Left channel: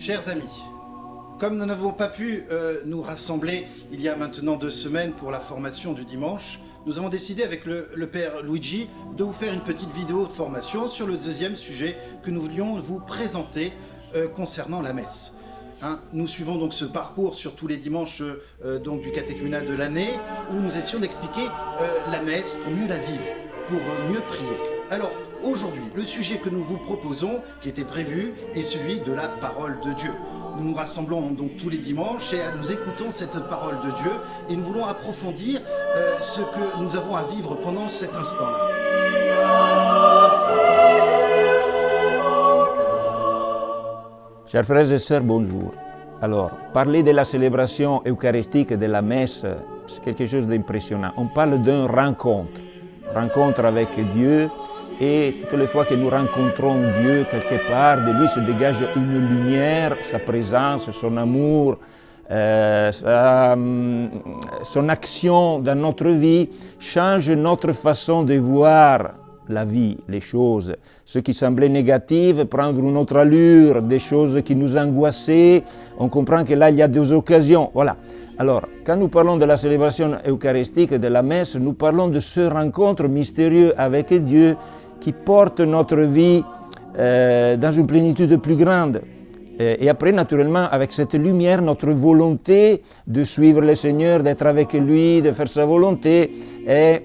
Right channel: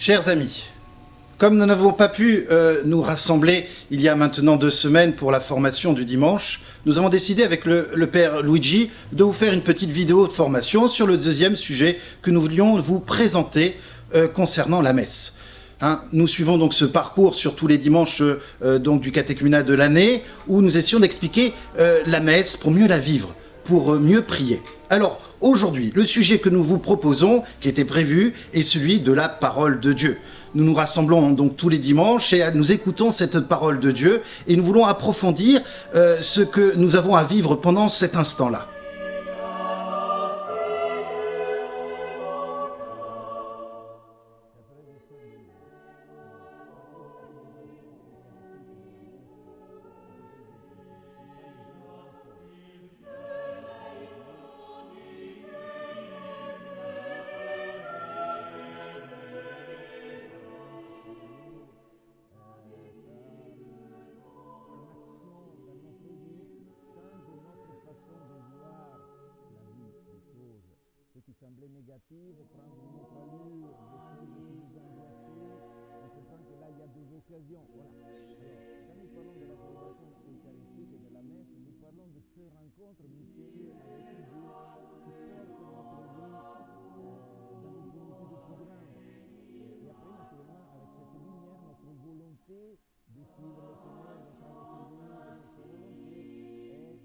Chers amis, comme nous n'avons pas pu nous rassembler il y a maintenant 2 semaines pour la formation du dimanche, nous avons décidé avec le Père Luigi de vous faire une petite vidéo de formation sur le deuxième sujet que nous voulions vous présenter concernant la messe. Nous suivons donc ce parcours sur tous les dimanches donc du catéchuménat de l'année où nous essayons d'expliquer la messe pour mieux la vivre, pour mieux prier. Alors aujourd'hui, le sujet que nous vous proposons, qui était prévu, est celui de la parole de Dieu. Nous nous rassemblons donc tous les dimanches et nous écoutons cette parole de Dieu et nous voulons approfondir ce que nous avons à vivre pendant cet instant-là. Chers frères et sœurs, bonjour. Alors, parler de la célébration eucharistique de la messe, c'est quelque chose d'impressionnant. On parle d'une rencontre avec Dieu, et toutes les fois que nous rencontrons Dieu quelque part, de lui se dégage une lumière, sa présence, son amour, son action dans notre vie change notre façon de voir la vie, les choses. Ce qui semblait négatif, prendre une autre allure, des choses qui nous angoissaient, on comprend que là il y a des occasions. Voilà. Alors, quand nous parlons de la célébration eucharistique de la messe, nous parlons de ce rencontre mystérieux avec Dieu qui porte notre vie dans une plénitude plus grande. Et après, naturellement, avec cette lumière, notre volonté de suivre le Seigneur, d'être avec lui, de faire sa volonté, est,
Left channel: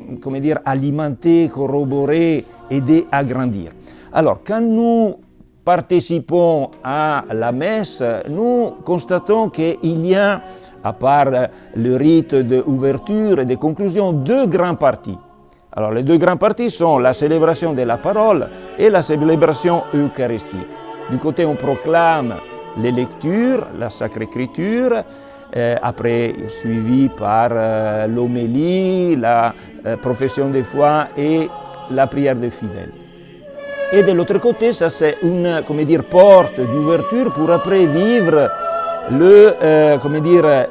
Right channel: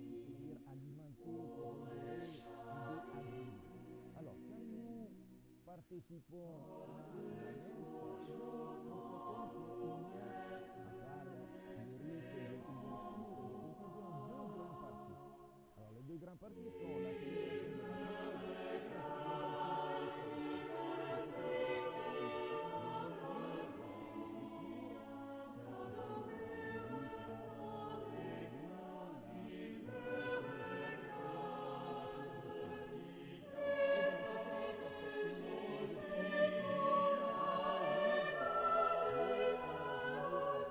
alimentée, corroborée, aidée à grandir. Alors, quand nous participons à la messe, nous constatons qu'il y a, à part le rite d'ouverture et de conclusion, 2 grandes parties. Alors, les 2 grandes parties sont la célébration de la parole et la célébration eucharistique. Du côté, on proclame les lectures, la Sacrée Écriture, après suivi par l'homélie, la profession de foi et la prière des fidèles. Et de l'autre côté, ça c'est une porte d'ouverture pour après vivre le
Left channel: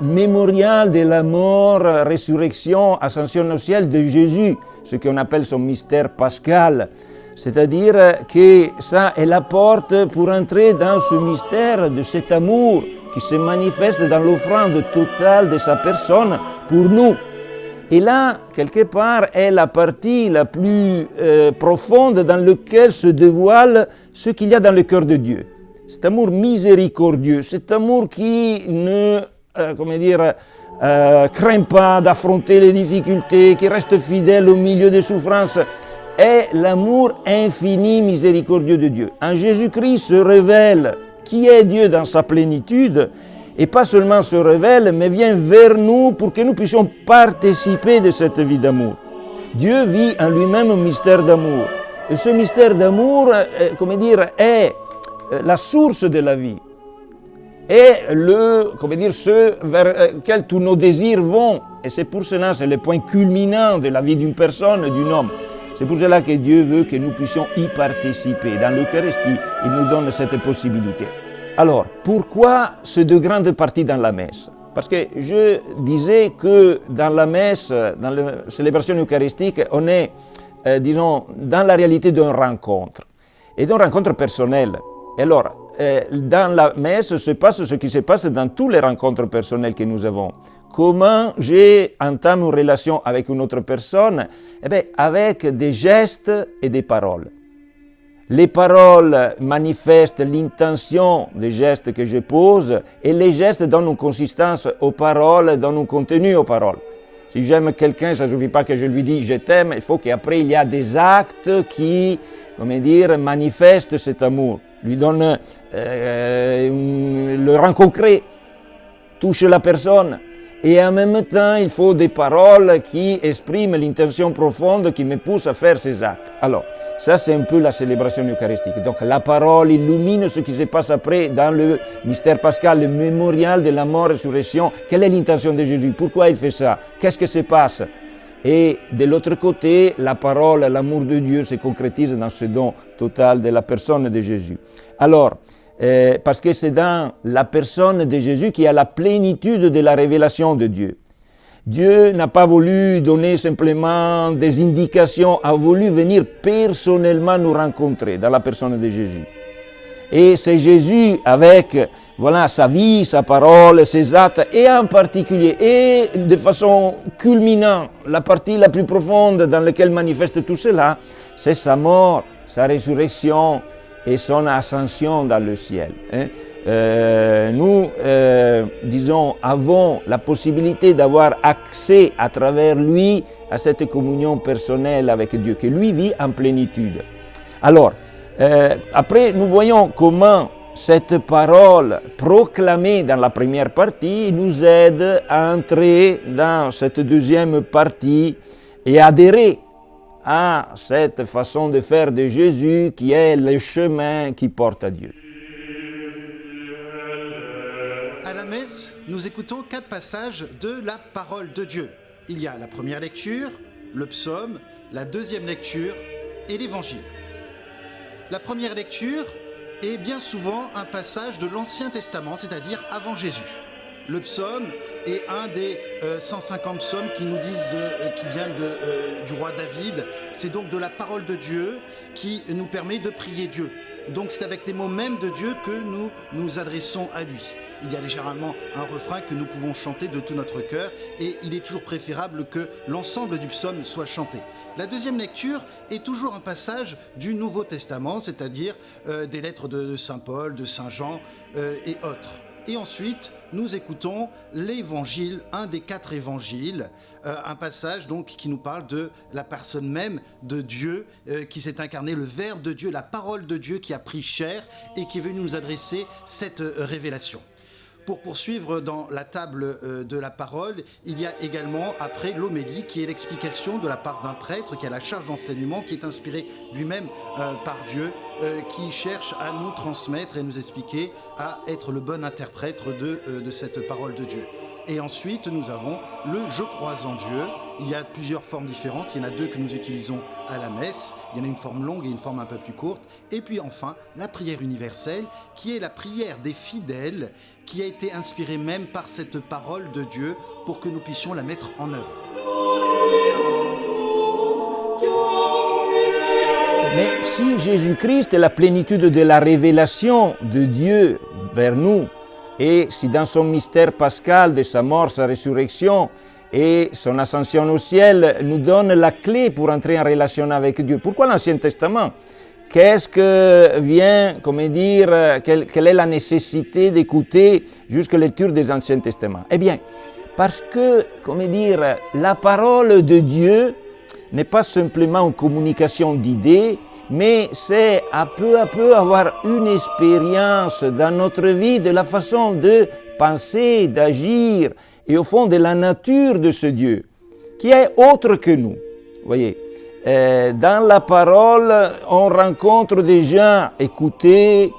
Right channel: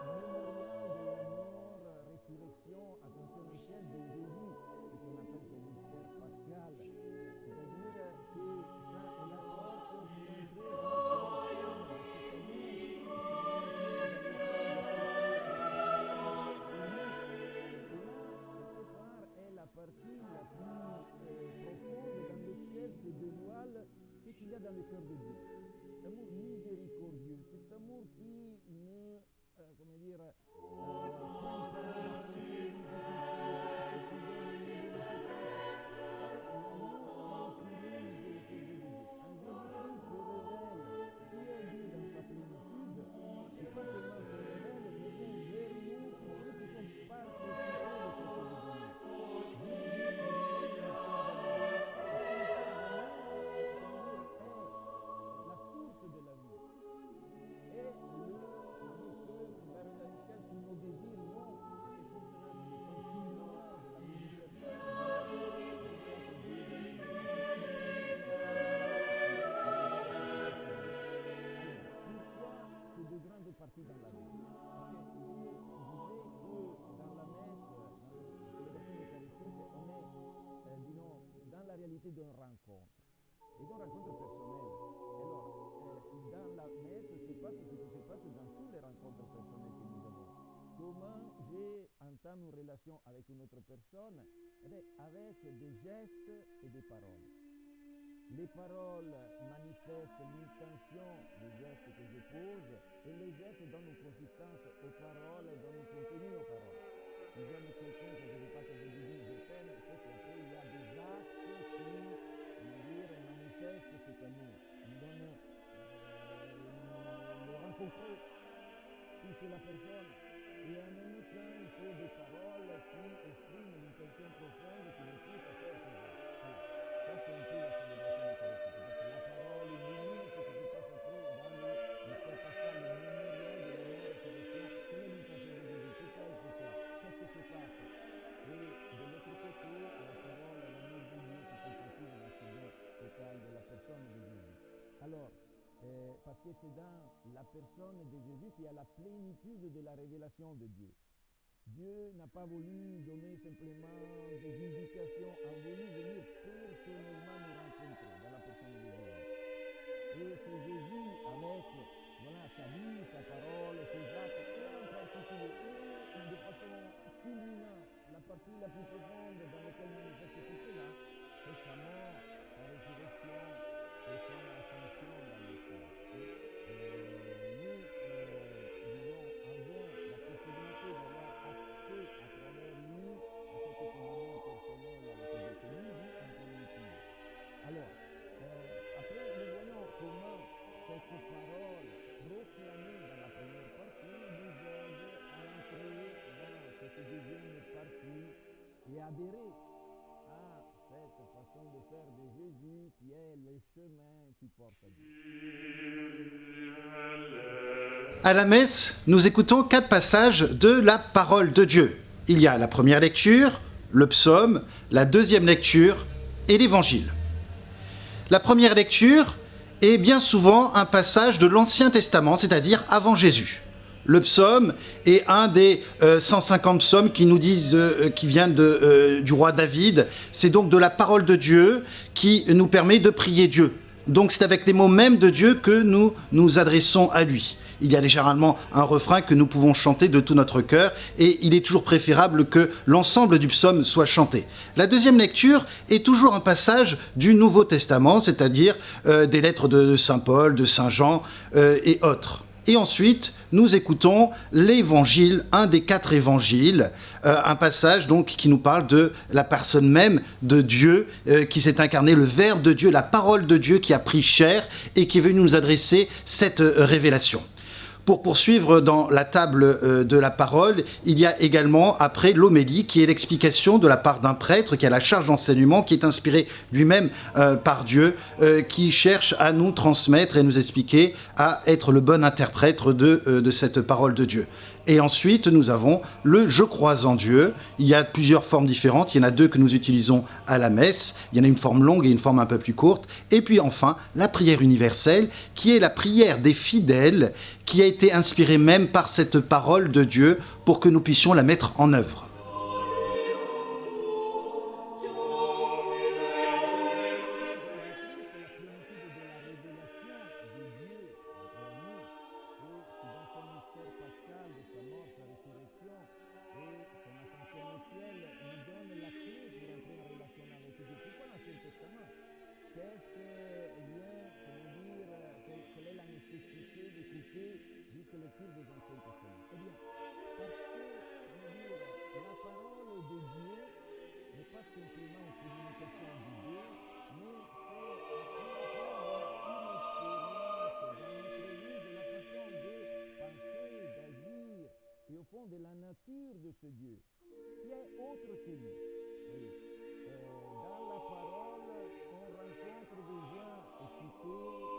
mémorial de la mort, résurrection, ascension au ciel de Jésus, ce qu'on appelle son mystère pascal. C'est-à-dire que ça est la porte pour entrer dans ce mystère de cet amour qui se manifeste dans l'offrande totale de sa personne pour nous. Et là, quelque part, est la partie la plus profonde dans laquelle se dévoile ce qu'il y a dans le cœur de Dieu. Cet amour miséricordieux, cet amour qui ne craint pas d'affronter les difficultés, qui reste fidèle au milieu des souffrances, est l'amour infini miséricordieux de Dieu. En Jésus-Christ se révèle qui est Dieu dans sa plénitude, et pas seulement se révèle, mais vient vers nous pour que nous puissions participer de cette vie d'amour. Dieu vit en lui-même un mystère d'amour. Et ce mystère d'amour, est la source de la vie. Et ce vers lequel tous nos désirs vont. Et c'est pour cela, c'est le point culminant de la vie d'une personne, d'un homme. C'est pour cela que Dieu veut que nous puissions y participer. Dans l'Eucharistie, il nous donne cette possibilité. Alors, pourquoi ces 2 grandes parties dans la messe? Parce que je disais que dans la messe, dans la célébration eucharistique, on est, dans la réalité d'une rencontre. Et d'une rencontre personnelle. Alors, dans la messe se passe ce qui se passe dans toutes les rencontres personnelles que nous avons. Comment j'entame une relation avec une autre personne? Avec des gestes et des paroles. Les paroles manifestent l'intention des gestes que je pose et les gestes donnent une consistance aux paroles, donnent un contenu aux paroles. Si j'aime quelqu'un, ça ne suffit pas que je lui dise « je t'aime », il faut qu'après il y a des actes qui, manifestent cet amour, lui donnent le rend concret, touche la personne. Et en même temps, il faut des paroles qui expriment l'intention profonde qui me pousse à faire ces actes. Alors, ça c'est un peu la célébration eucharistique. Donc la parole illumine ce qui se passe après dans le mystère pascal, le mémorial de la mort et résurrection. Quelle est l'intention de Jésus? Pourquoi il fait ça? Qu'est-ce qui se passe? Et de l'autre côté, la parole, l'amour de Dieu se concrétise dans ce don total de la personne de Jésus. Alors, parce que c'est dans la personne de Jésus qu'il y a la plénitude de la révélation de Dieu. Dieu n'a pas voulu donner simplement des indications, a voulu venir personnellement nous rencontrer dans la personne de Jésus. Et c'est Jésus avec, voilà, sa vie, sa parole, ses actes, et en particulier, et de façon culminante, la partie la plus profonde dans laquelle manifeste tout cela, c'est sa mort, sa résurrection et son ascension dans le ciel. Nous, disons, avons la possibilité d'avoir accès à travers lui à cette communion personnelle avec Dieu, que lui vit en plénitude. Alors, après, nous voyons comment cette parole proclamée dans la première partie nous aide à entrer dans cette deuxième partie et adhérer à cette façon de faire de Jésus qui est le chemin qui porte à Dieu. À la messe, nous écoutons 4 passages de la parole de Dieu. Il y a la première lecture, le psaume, la deuxième lecture et l'évangile. La première lecture est bien souvent un passage de l'Ancien Testament, c'est-à-dire avant Jésus. Le psaume est un des 150 psaumes qui nous disent, qui viennent du roi David. C'est donc de la parole de Dieu qui nous permet de prier Dieu. Donc c'est avec les mots mêmes de Dieu que nous nous adressons à lui. Il y a généralement un refrain que nous pouvons chanter de tout notre cœur et il est toujours préférable que l'ensemble du psaume soit chanté. La deuxième lecture est toujours un passage du Nouveau Testament, c'est-à-dire des lettres de Saint Paul, de Saint Jean et autres. Et ensuite, nous écoutons l'évangile, un des 4 évangiles, un passage donc qui nous parle de la personne même de Dieu, qui s'est incarné, le Verbe de Dieu, la parole de Dieu qui a pris chair et qui est venu nous adresser cette révélation. Pour poursuivre dans la table de la parole, il y a également après l'homélie qui est l'explication de la part d'un prêtre qui a la charge d'enseignement, qui est inspiré lui-même par Dieu, qui cherche à nous transmettre et nous expliquer à être le bon interprète de cette parole de Dieu. Et ensuite, nous avons le « Je crois en Dieu ». Il y a plusieurs formes différentes. Il y en a 2 que nous utilisons à la messe. Il y en a une forme longue et une forme un peu plus courte. Et puis enfin, la prière universelle, qui est la prière des fidèles, qui a été inspirée même par cette parole de Dieu pour que nous puissions la mettre en œuvre. Mais si Jésus-Christ est la plénitude de la révélation de Dieu vers nous, et si dans son mystère pascal de sa mort, sa résurrection et son ascension au ciel nous donne la clé pour entrer en relation avec Dieu, pourquoi l'Ancien Testament? Qu'est-ce que vient, quelle est la nécessité d'écouter jusqu'à la lecture des Anciens Testaments? Eh bien, parce que, la parole de Dieu n'est pas simplement une communication d'idées, mais c'est à peu avoir une expérience dans notre vie de la façon de penser, d'agir et au fond de la nature de ce Dieu qui est autre que nous. Vous voyez, dans la parole, on rencontre déjà écouter,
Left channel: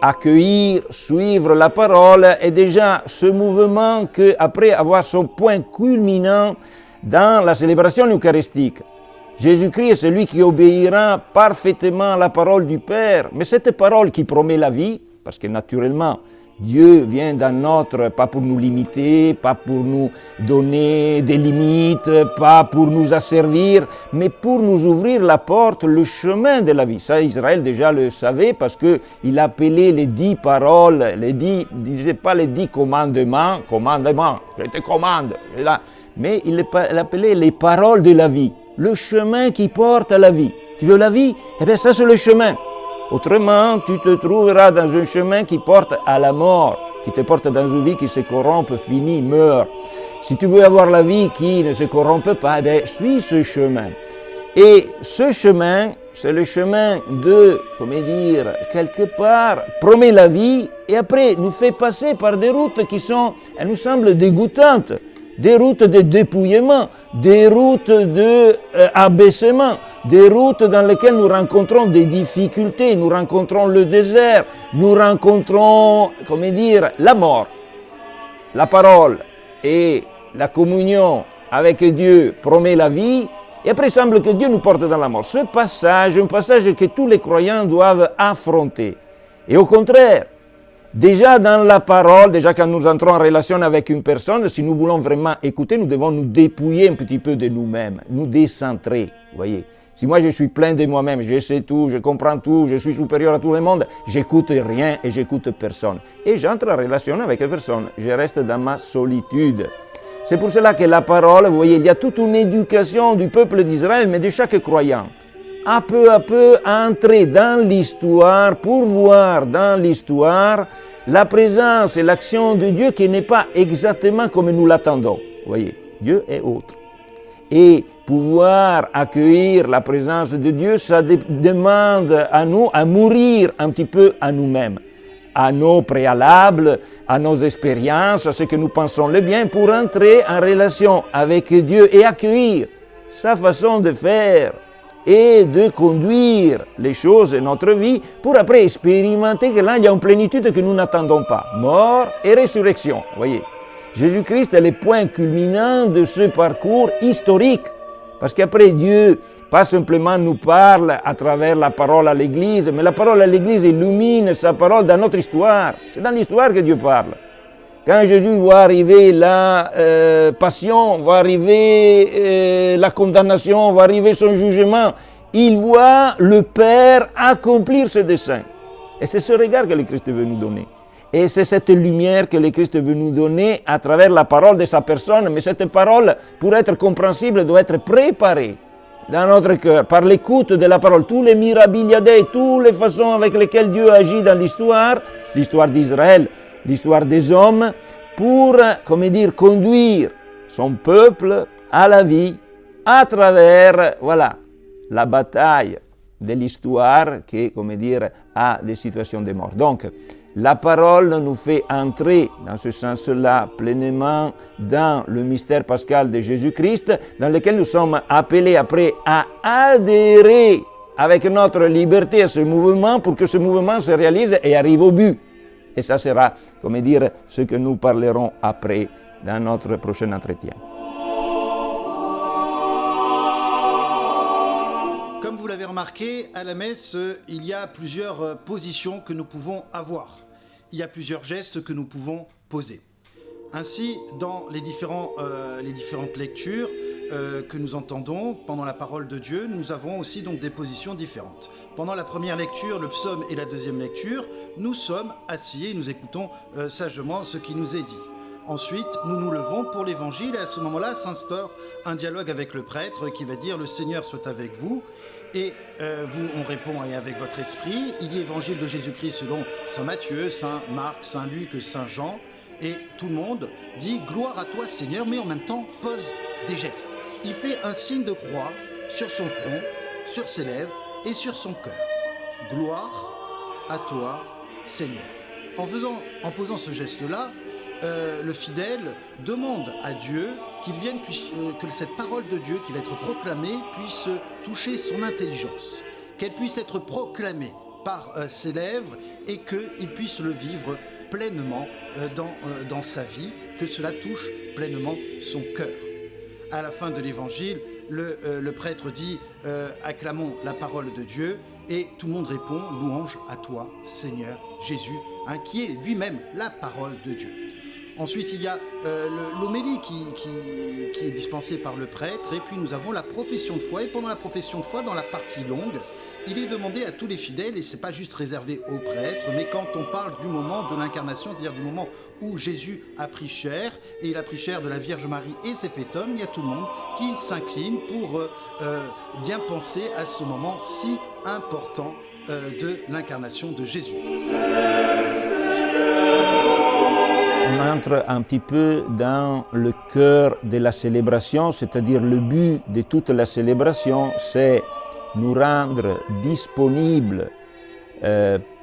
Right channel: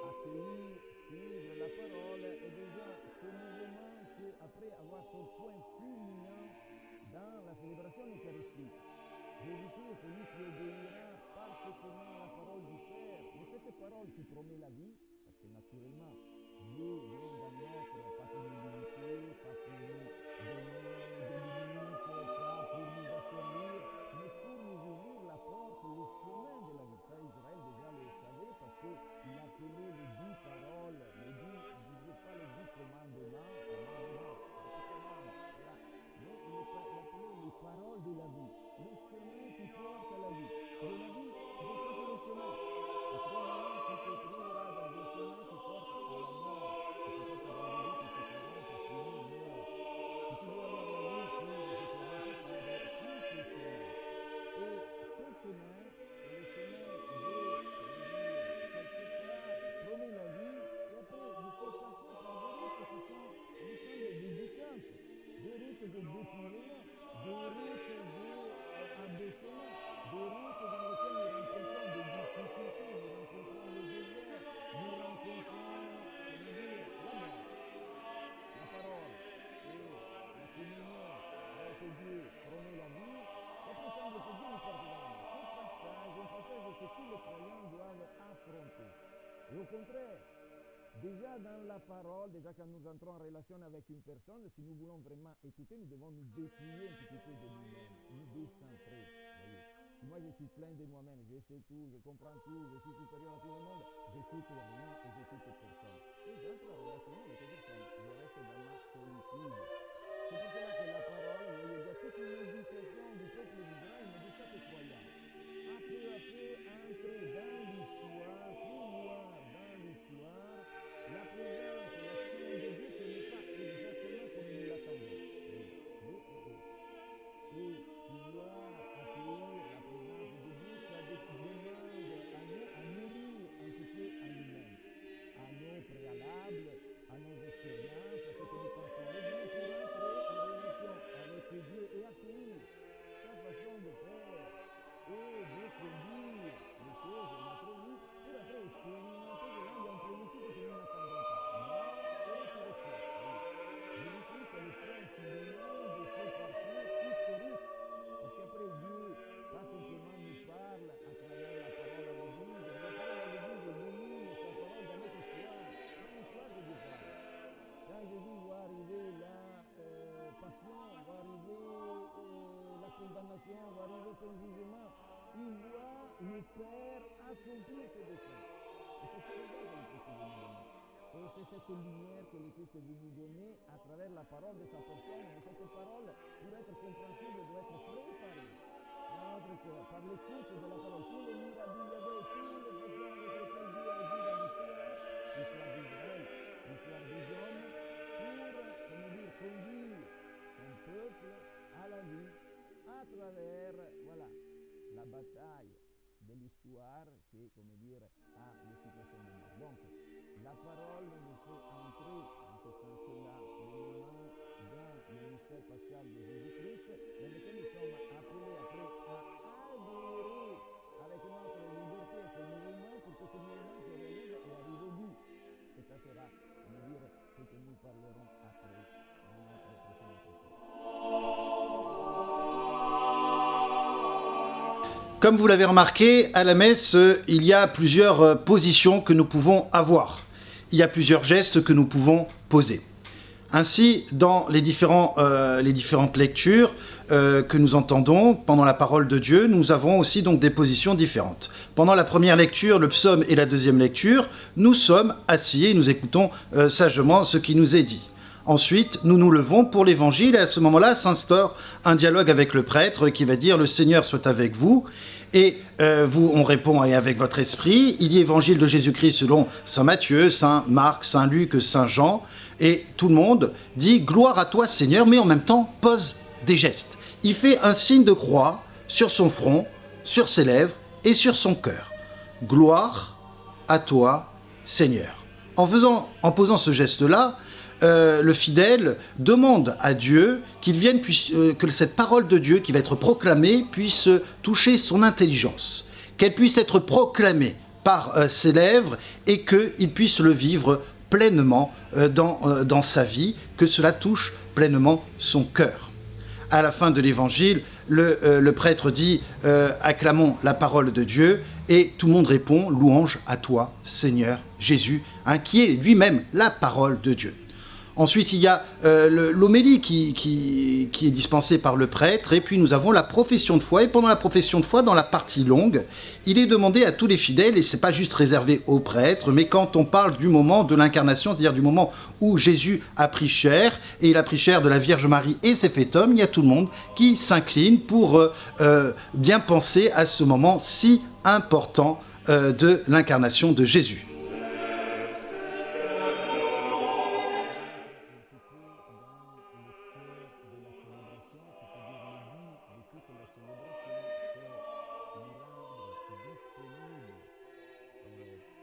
accueillir, suivre la parole et déjà ce mouvement qu'après avoir son point culminant dans la célébration eucharistique. Jésus-Christ est celui qui obéira parfaitement à la parole du Père. Mais cette parole qui promet la vie, parce que naturellement, Dieu vient dans notre, pas pour nous limiter, pas pour nous donner des limites, pas pour nous asservir, mais pour nous ouvrir la porte, le chemin de la vie. Ça, Israël déjà le savait parce qu'il appelait les 10 paroles, il ne disait pas les 10 commandements, je te commande, mais il appelait les paroles de la vie. Le chemin qui porte à la vie. Tu veux la vie? Eh bien, ça, c'est le chemin. Autrement, tu te trouveras dans un chemin qui porte à la mort, qui te porte dans une vie qui se corrompt, finit, meurt. Si tu veux avoir la vie qui ne se corrompt pas, eh bien, suis ce chemin. Et ce chemin, c'est le chemin de, quelque part, promet la vie et après nous fait passer par des routes qui sont, elles nous semblent dégoûtantes. Des routes de dépouillement, des routes d'abaissement, des routes dans lesquelles nous rencontrons des difficultés, nous rencontrons le désert, nous rencontrons, la mort. La parole et la communion avec Dieu promet la vie, et après il semble que Dieu nous porte dans la mort. Ce passage est un passage que tous les croyants doivent affronter. Et au contraire, déjà dans la parole, déjà quand nous entrons en relation avec une personne, si nous voulons vraiment écouter, nous devons nous dépouiller un petit peu de nous-mêmes, nous décentrer, vous voyez. Si moi je suis plein de moi-même, je sais tout, je comprends tout, je suis supérieur à tout le monde, j'écoute rien et j'écoute personne. Et j'entre en relation avec personne, je reste dans ma solitude. C'est pour cela que la parole, vous voyez, il y a toute une éducation du peuple d'Israël, mais de chaque croyant. À peu, entrer dans l'histoire pour voir dans l'histoire la présence et l'action de Dieu qui n'est pas exactement comme nous l'attendons. Vous voyez, Dieu est autre. Et pouvoir accueillir la présence de Dieu, ça demande à nous à mourir un petit peu à nous-mêmes, à nos préalables, à nos expériences, à ce que nous pensons le bien, pour entrer en relation avec Dieu et accueillir sa façon de faire et de conduire les choses de notre vie pour après expérimenter que là, il y a une plénitude que nous n'attendons pas. Mort et résurrection, voyez. Jésus-Christ est le point culminant de ce parcours historique. Parce qu'après Dieu, pas simplement nous parle à travers la parole à l'Église, mais la parole à l'Église illumine sa parole dans notre histoire. C'est dans l'histoire que Dieu parle. Quand Jésus voit arriver la passion, va arriver la condamnation, va arriver son jugement, il voit le Père accomplir ce dessein. Et c'est ce regard que le Christ veut nous donner. Et c'est cette lumière que le Christ veut nous donner à travers la parole de sa personne. Mais cette parole, pour être compréhensible, doit être préparée dans notre cœur, par l'écoute de la parole. Tous les mirabiliades, toutes les façons avec lesquelles Dieu agit dans l'histoire d'Israël, l'histoire des hommes, pour, conduire son peuple à la vie à travers, la bataille de l'histoire qui, a des situations de mort. Donc, la parole nous fait entrer, dans ce sens-là, pleinement dans le mystère pascal de Jésus-Christ, dans lequel nous sommes appelés après à adhérer avec notre liberté à ce mouvement pour que ce mouvement se réalise et arrive au but. Et ça sera, ce que nous parlerons après dans notre prochain entretien. Comme vous l'avez remarqué, à la messe, il y a plusieurs positions que nous pouvons avoir. Il y a plusieurs gestes que nous pouvons poser. Ainsi, dans les différentes lectures que nous entendons pendant la parole de Dieu, nous avons aussi donc des positions différentes. Pendant la première lecture, le psaume et la deuxième lecture, nous sommes assis et nous écoutons sagement ce qui nous est dit. Ensuite, nous nous levons pour l'évangile et à ce moment-là s'instaure un dialogue avec le prêtre qui va dire « Le Seigneur soit avec vous ». Et on répond « Et avec votre esprit ». Il y a évangile de Jésus-Christ selon Saint Matthieu, Saint Marc, Saint Luc, Saint Jean. Et tout le monde dit « Gloire à toi Seigneur », mais en même temps pose des gestes. Il fait un signe de croix sur son front, sur ses lèvres et sur son cœur. « Gloire à toi Seigneur ». En posant ce geste-là, le fidèle demande à Dieu qu'il vienne, que cette parole de Dieu qui va être proclamée puisse toucher son intelligence, qu'elle puisse être proclamée par ses lèvres et qu'il puisse le vivre pleinement dans sa vie, que cela touche pleinement son cœur. À la fin de l'évangile, le prêtre dit « Acclamons la parole de Dieu » et tout le monde répond « Louange à toi, Seigneur Jésus », qui est lui-même la parole de Dieu. Ensuite, il y a l'homélie qui est dispensée par le prêtre, et puis nous avons la profession de foi. Et pendant la profession de foi, dans la partie longue, il est demandé à tous les fidèles, et ce n'est pas juste réservé aux prêtres, mais quand on parle du moment de l'incarnation, c'est-à-dire du moment où Jésus a pris chair, et il a pris chair de la Vierge Marie et s'est fait homme, il y a tout le monde qui s'incline pour bien penser à ce moment si important de l'incarnation de Jésus. Un petit peu dans le cœur de la célébration, c'est-à-dire le but de toute la célébration, c'est nous rendre disponibles,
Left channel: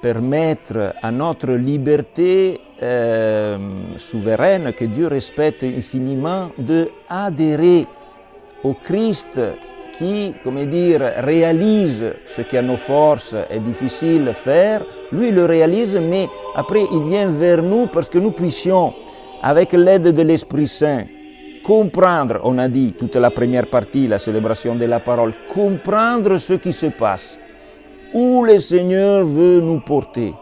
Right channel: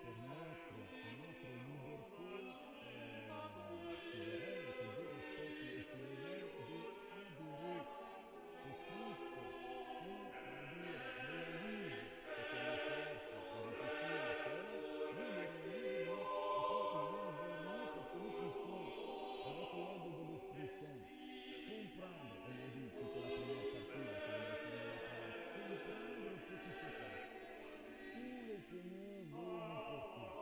permettre à notre liberté souveraine que Dieu respecte infiniment d'adhérer au Christ qui, réalise ce qu'à nos forces est difficile de faire. Lui le réalise, mais après il vient vers nous parce que nous puissions, avec l'aide de l'Esprit Saint, comprendre, on a dit toute la première partie, la célébration de la parole, comprendre ce qui se passe, où le Seigneur veut nous porter,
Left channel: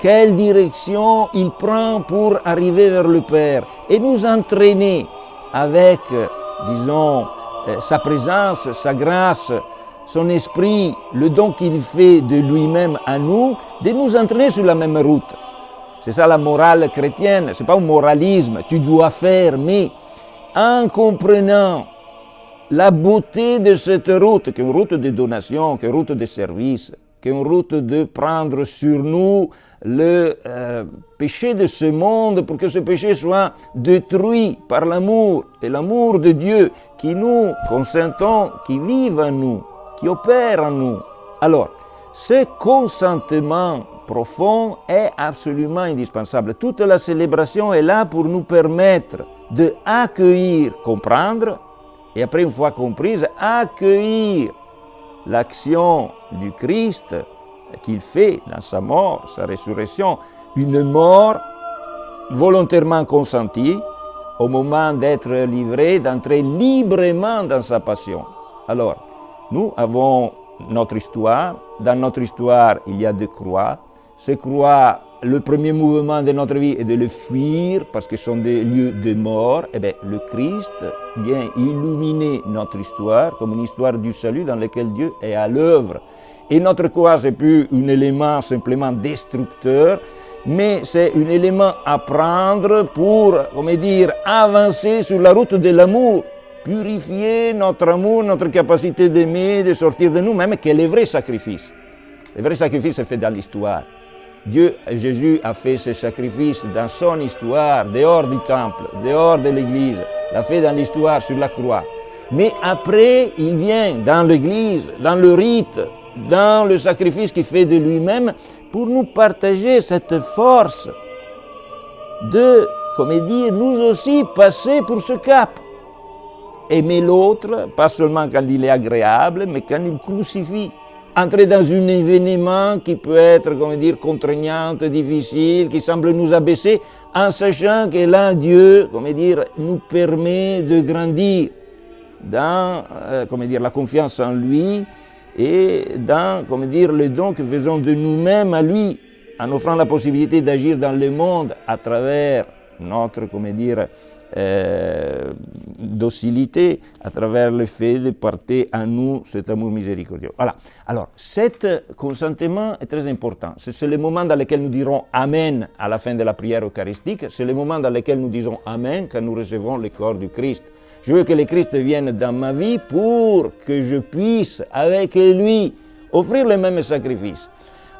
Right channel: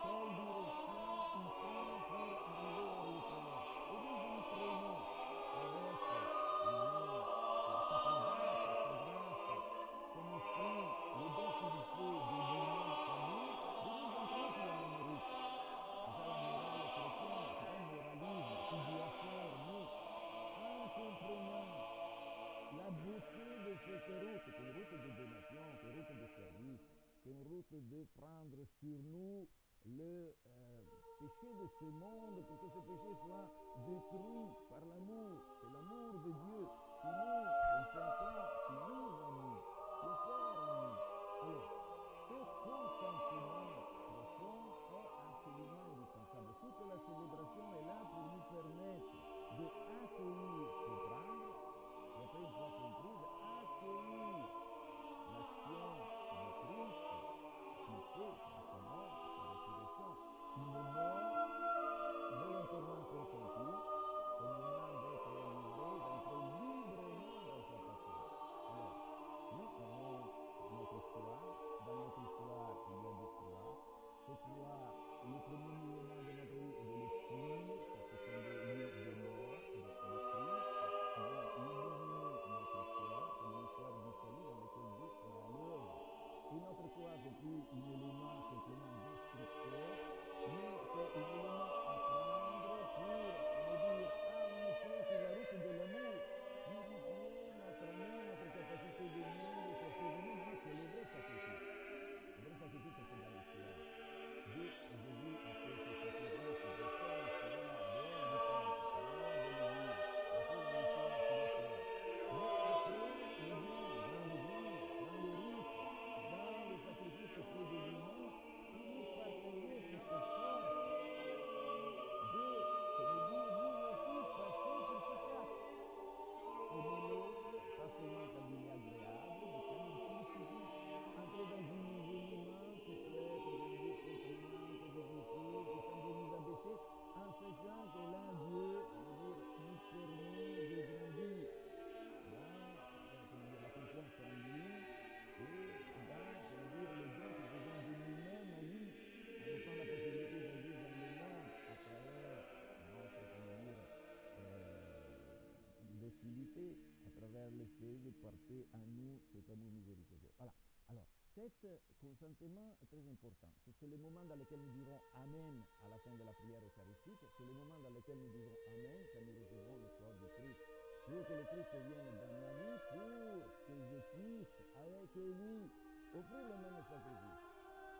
quelle direction il prend pour arriver vers le Père, et nous entraîner avec, sa présence, sa grâce, son esprit, le don qu'il fait de lui-même à nous, de nous entraîner sur la même route. C'est ça la morale chrétienne, ce n'est pas un moralisme, tu dois faire, mais en comprenant la beauté de cette route, qui est une route de donation, qui est une route de service, qui est une route de prendre sur nous le péché de ce monde pour que ce péché soit détruit par l'amour, et l'amour de Dieu qui nous consentons, qui vive en nous, qui opère en nous. Alors, ce consentement profond est absolument indispensable. Toute la célébration est là pour nous permettre d'accueillir, comprendre, et après, une fois comprise, accueillir l'action du Christ qu'il fait dans sa mort, sa résurrection, une mort volontairement consentie au moment d'être livré, d'entrer librement dans sa passion. Alors, nous avons notre histoire. Dans notre histoire, il y a des croix. Ces croix, le premier mouvement de notre vie est de les fuir parce que ce sont des lieux de mort. Eh bien, le Christ vient illuminer notre histoire comme une histoire du salut dans laquelle Dieu est à l'œuvre. Et notre croix, ce n'est plus un élément simplement destructeur, mais c'est un élément à prendre pour, avancer sur la route de l'amour, purifier notre amour, notre capacité d'aimer, de sortir de nous-mêmes, qui est le vrai sacrifice. Le vrai sacrifice est fait dans l'histoire. Dieu, Jésus a fait ce sacrifice dans son histoire, dehors du temple, dehors de l'église, l'a fait dans l'histoire sur la croix. Mais après, il vient dans l'église, dans le rite, dans le sacrifice qu'il fait de lui-même pour nous partager cette force de, nous aussi passer pour ce cap. Aimer l'autre, pas seulement quand il est agréable, mais quand il crucifie. Entrer dans un événement qui peut être, contraignant, difficile, qui semble nous abaisser, en sachant que là, Dieu, nous permet de grandir dans, la confiance en lui et dans, le don que faisons de nous-mêmes à lui, en offrant la possibilité d'agir dans le monde à travers notre, docilité, à travers le fait de porter à nous cet amour miséricordieux. Voilà. Alors, cet consentement est très important. C'est le moment dans lequel nous dirons Amen à la fin de la prière eucharistique. C'est le moment dans lequel nous disons Amen quand nous recevons le corps du Christ. Je veux que le Christ vienne dans ma vie pour que je puisse, avec lui, offrir le même sacrifice.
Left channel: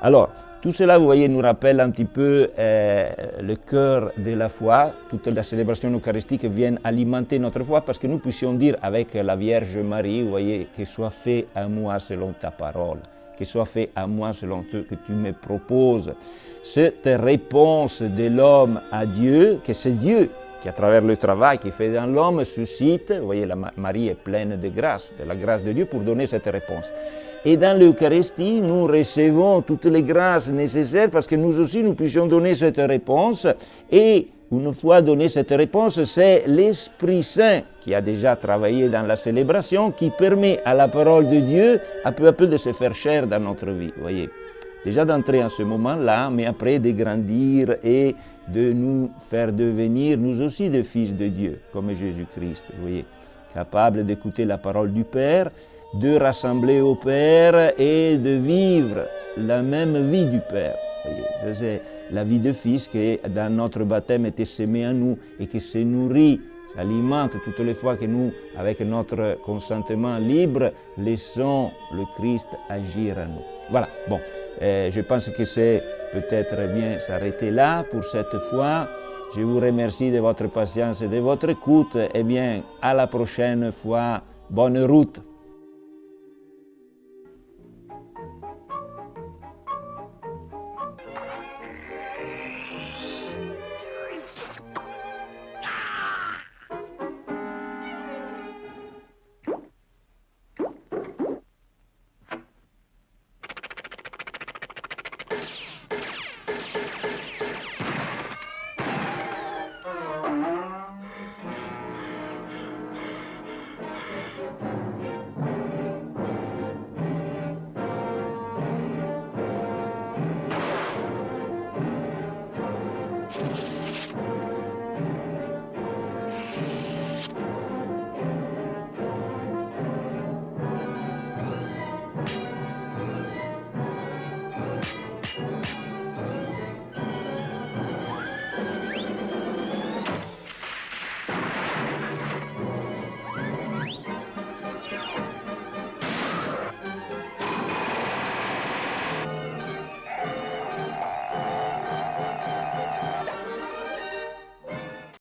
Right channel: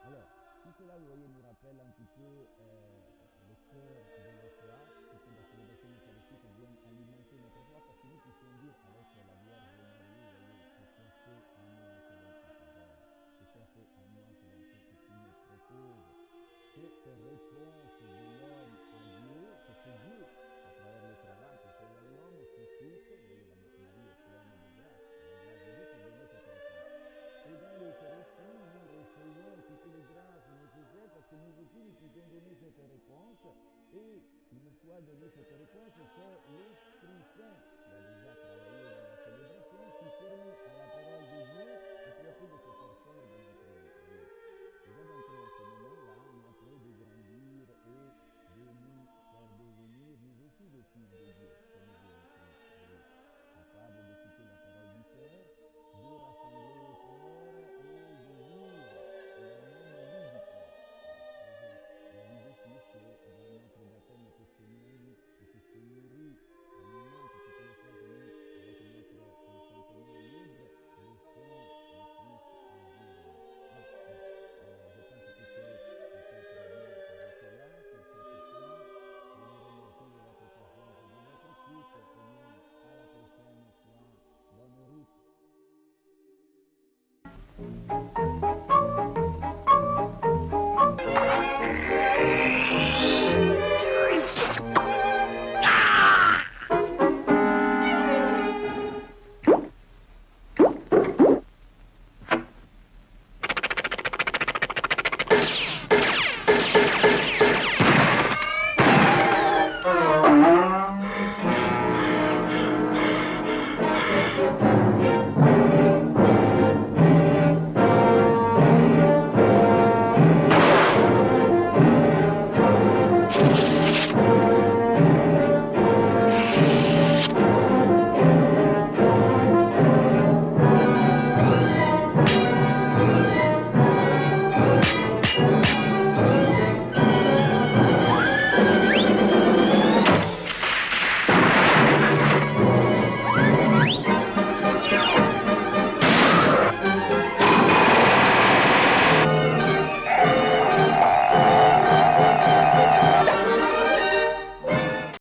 Alors, tout cela, vous voyez, nous rappelle un petit peu le cœur de la foi. Toute la célébration eucharistique vient alimenter notre foi parce que nous puissions dire avec la Vierge Marie, vous voyez, que soit fait à moi selon ta parole, que soit fait à moi selon ce que tu me proposes. Cette réponse de l'homme à Dieu, que c'est Dieu qui, à travers le travail qu'il fait dans l'homme, suscite, vous voyez, Marie est pleine de grâce, de la grâce de Dieu pour donner cette réponse. Et dans l'Eucharistie, nous recevons toutes les grâces nécessaires parce que nous aussi, nous puissions donner cette réponse. Et une fois donnée cette réponse, c'est l'Esprit Saint qui a déjà travaillé dans la célébration, qui permet à la parole de Dieu, à peu de se faire chair dans notre vie. Vous voyez, déjà d'entrer en ce moment-là, mais après de grandir et de nous faire devenir, nous aussi, des fils de Dieu, comme Jésus-Christ. Vous voyez, capables d'écouter la parole du Père, de rassembler au Père et de vivre la même vie du Père. C'est la vie de Fils qui, dans notre baptême, était sémée en nous et qui se nourrit, s'alimente toutes les fois que nous, avec notre consentement libre, laissons le Christ agir en nous. Voilà, bon, je pense que c'est peut-être bien s'arrêter là pour cette fois. Je vous remercie de votre patience et de votre écoute. Eh bien, à la prochaine fois. Bonne route.